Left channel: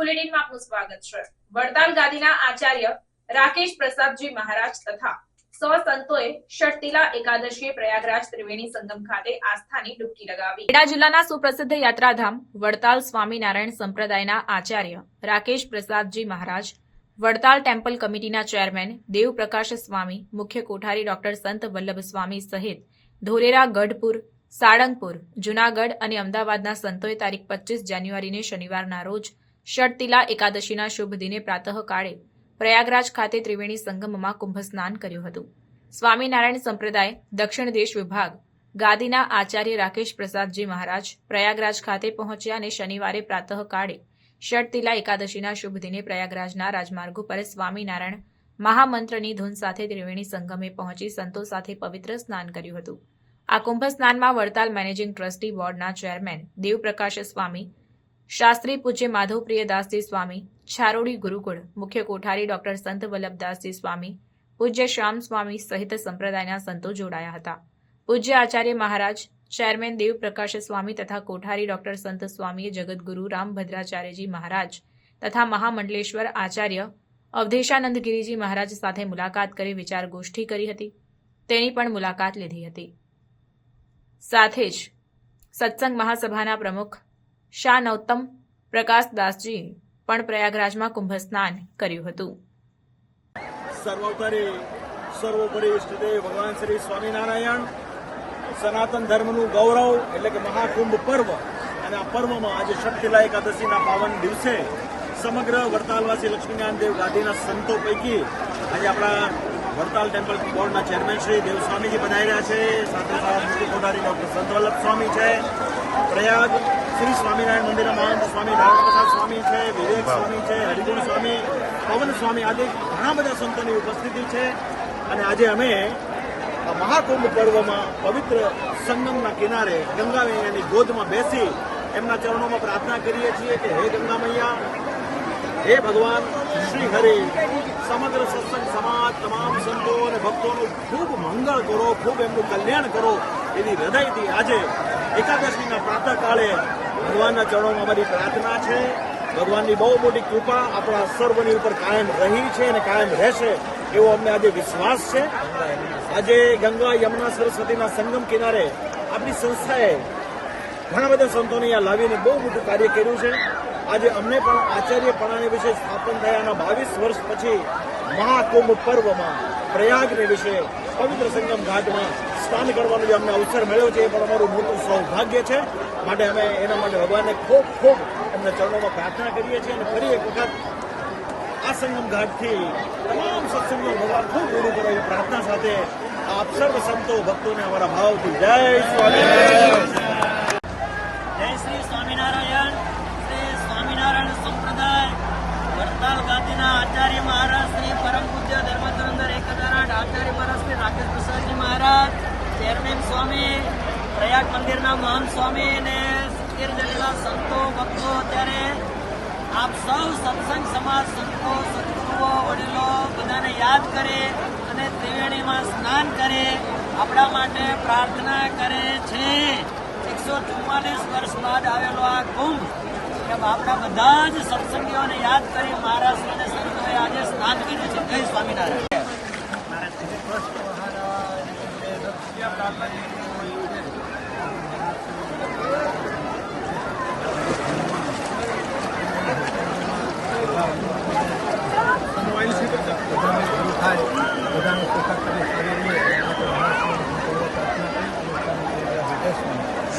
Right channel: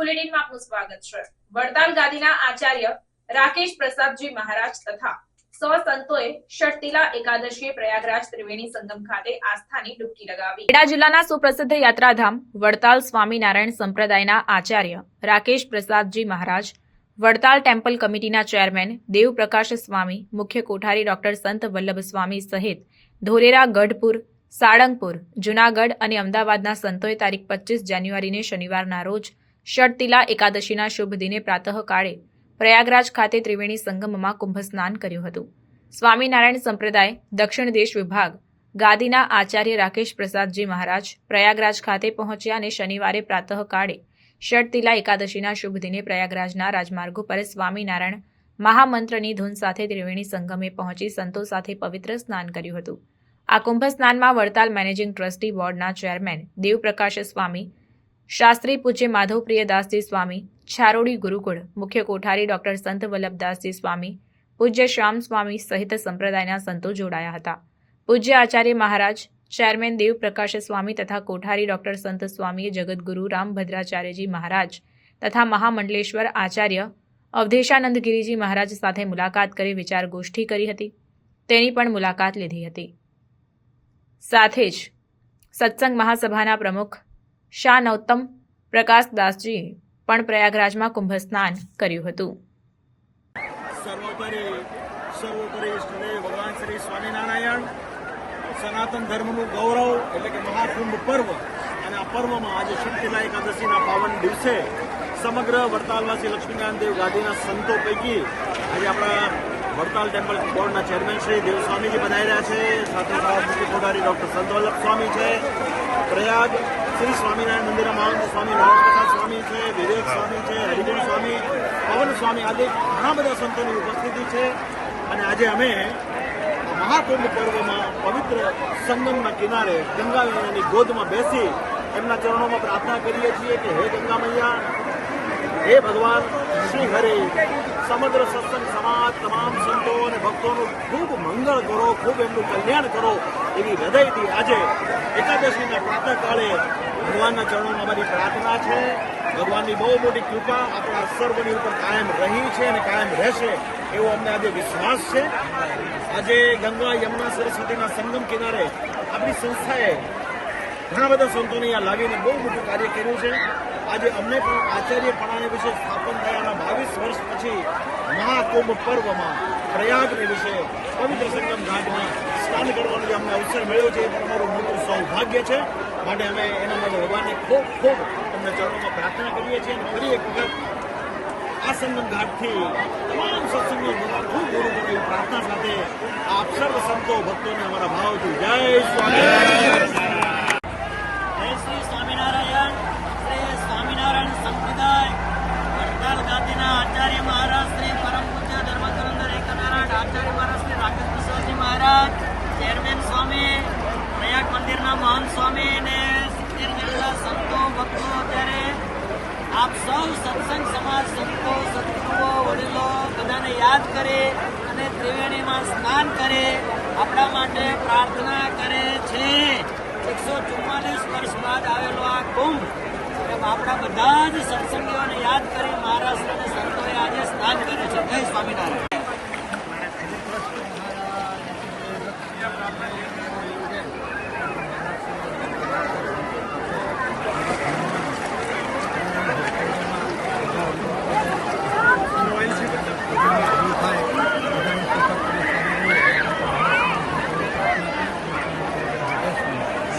બુલેટિનમાં આપનું સ્વાગત છે। વડતાલ ગાદીના આચાર્ય રાકેશ પ્રસાદજી મહારાજ તથા સંતોએ ષટતિલા એકાદશીએ પ્રયાગરાજ ત્રિવેણી સંગમ ખાતે આસ્થાની ડૂબકી લગાવી। ખેડા જિલ્લાના સુપ્રસિદ્ધ યાત્રાધામ વડતાલ સ્વામિનારાયણ સંપ્રદાયના આચાર્ય રાકેશ પ્રસાદજી મહારાજ, વડતાલ ટેમ્પલ કમિટીના ચેરમેન દેવપ્રકાશ સ્વામી, મુખ્ય કોઠારી ડોક્ટર સંત વલ્લભ સ્વામી સહિત ધોલેરા, ગઢપુર, સાળંગપુર, જૂનાગઢ અને અમદાવાદના સંતોએ તારીખ 25 જાન્યુઆરીને શનિવારના રોજ ષટતિલા એકાદશીના શુભ દિને પ્રાતઃકાળે પ્રયાગરાજ ખાતે ત્રિવેણી સંગમમાં કુંભ સ્નાન કર્યું હતું। સ્વામિનારાયણ સંપ્રદાય દક્ષિણ દેશ વિભાગ ગાદીના આચાર્ય રાકેશ પ્રસાદજી મહારાજ પ્રયાગરાજ ખાતે પહોંચ્યા અને શનિવારે પ્રાતઃકાળે ષટતિલા એકાદશીના શુભ દિને પ્રયાગરાજના રાજમાર્ગો પર સ્વામિનારાયણ મહામંત્રની ધૂન સાથે ત્રિવેણી સંગમે પહોંચી સંતો સાથે પવિત્ર સ્નાન કર્યું હતું। આ કુંભ સ્નાનમાં વડતાલ મેનેજિંગ ટ્રસ્ટી બોર્ડના ચેરમેન દેવપ્રકાશ સ્વામી, શાસ્ત્રી પૂજ્ય માધવપ્રિયદાસજી સ્વામી, છારોડી ગુરુકુળ, મુખ્ય કોઠારી ડોક્ટર સંત વલ્લભદાસજી સ્વામી, પૂજ્ય શ્યામ સ્વામી સહિત સંપ્રદાયના સંતો જોડાયા હતા। પૂજ્ય આચાર્ય મહારાજ, ચેરમેન દેવપ્રકાશ સ્વામી તથા કોઠારી ડોક્ટર સંત સ્વામીએ જગતગુરુ રામભદ્રાચાર્યજી મહારાજ તથા મહામંડલેશ્વર આચાર્ય અવધેશાનંદ ગિરિજી મહારાજ સાથે મુલાકાત કરી વિચાર ગોષ્ઠી કરી હતી, તેની પણ મુલાકાત લીધી હતી। સાથે જ સત્સંગ મહાસભાના પ્રમુખ શાહ નૌતમ પ્રકાશદાસજીએ પણ પ્રયાગરાજમાં કુંભ સ્નાન કર્યું હતું। સર્વોપરી ઇષ્ટદેવ ભગવાન શ્રી સ્વામિનારાયણ સનાતન ધર્મનું ગૌરવ એટલે કે મહાકુંભ પર્વ અને આ પર્વમાં આજે ષટતિલા એકાદશીના પાવન દિવસે સમગ્ર વડતાલવાસી લક્ષ્મીનારાયણ દેવ ગાદીના સંતો પૈકી આજે આપણા વડતાલ ટેમ્પલ બોર્ડના ચેરમેન શ્રી દેવ સ્વામીજી પધાર્યા છે। સાથે મુખ્ય કોઠારી ડોક્ટર સંત વલ્લભ સ્વામી છે, પ્રયાગ શ્રી સ્વામિનારાયણ મંદિરના મહંત સ્વામી રામપ્રસાદ સ્વામી છે, વિવેક સ્વામી છે, હરિગુણ સ્વામી, પવન સ્વામી આદિ ઘણા બધા સંતોની ઉપસ્થિતિ છે। અને આજે અમે મહાકુંભ પર્વમાં પવિત્ર સંગમના કિનારે ગંગા મૈયાની ગોદમાં બેસી એમના ચરણોમાં પ્રાર્થના કરીએ છીએ કે હે ગંગા મૈયા, હે ભગવાન શ્રી હરિ, સમગ્ર સત્સંગ સમાજ તમામ સંતો અને ભક્તોનું ખૂબ મંગળ કરો, ખૂબ એમનું કલ્યાણ કરો એવી હૃદયથી આજે એકાદશીના પ્રાતઃકાળે ભગવાનના ચરણોમાં અમારી પ્રાર્થના છે। ભગવાનની બહુ મોટી કૃપા આપણા સર્વની ઉપર કાયમ રહી છે અને કાયમ રહેશે એવો અમને આજે વિશ્વાસ છે। આજે ગંગા, યમુના, સરસ્વતીના સંગમ કિનારે આપણી સંસ્થાએ ઘણા બધા સંતોને અહીંયા લાવીને બહુ મોટું કાર્ય કર્યું છે। આજે અમને પણ આચાર્યપણાને વિશે સ્થાપન થયાના 22 વર્ષ પછી મહાકુંભ પર્વમાં પ્રયાગને વિશે પવિત્ર સંગમ ઘાટમાં સ્નાન કરવાનો જે અમને અવસર મળ્યો છે એ પણ અમારું મોટું સૌભાગ્ય છે। માટે અમે એના માટે ભગવાનને ખૂબ ખૂબ એમના ચરણોમાં પ્રાર્થના કરીએ છીએ અને ફરી એક વખત આ સંગમ ઘાટથી તમામ સત્સંગો ભગવાન ખૂબ દૂર કરે એવી પ્રાર્થના સાથે આપ સર્વ સંતો ભક્તોને અમારા ભાવથી જય સ્વામિનારાયણ। જય શ્રી સ્વામિનારાયણ। સ્વામિનારાયણ સંપ્રદાય વડતાલ ગાદીના આચાર્ય મહારાજ શ્રી પરમ પૂજ્ય ધર્મચંદ્ર એકદારાટ આચાર્ય મહારાજ શ્રી રાકેશ પ્રસાદજી મહારાજ, ચેરમેન સ્વામી, પ્રયાગ મંદિરના મહંત સ્વામી અને 70 જેટલા સંતો ભક્તો અત્યારે આપ સૌ સત્સંગ સમાજ સંતો, સદગુરુઓ, વડીલો બધાને યાદ કરે અને ત્રિવેણીમાં સ્નાન કરે, આપણા માટે પ્રાર્થના કરે છે। 144 વર્ષ બાદ આવેલો આ કુંભ આપણા બધા જ સત્સંગીઓને યાદ કરી મહારાષ્ટ્ર અને સંતોએ આજે સ્નાન કર્યું છે। જય સ્વામિનારાયણ। થાય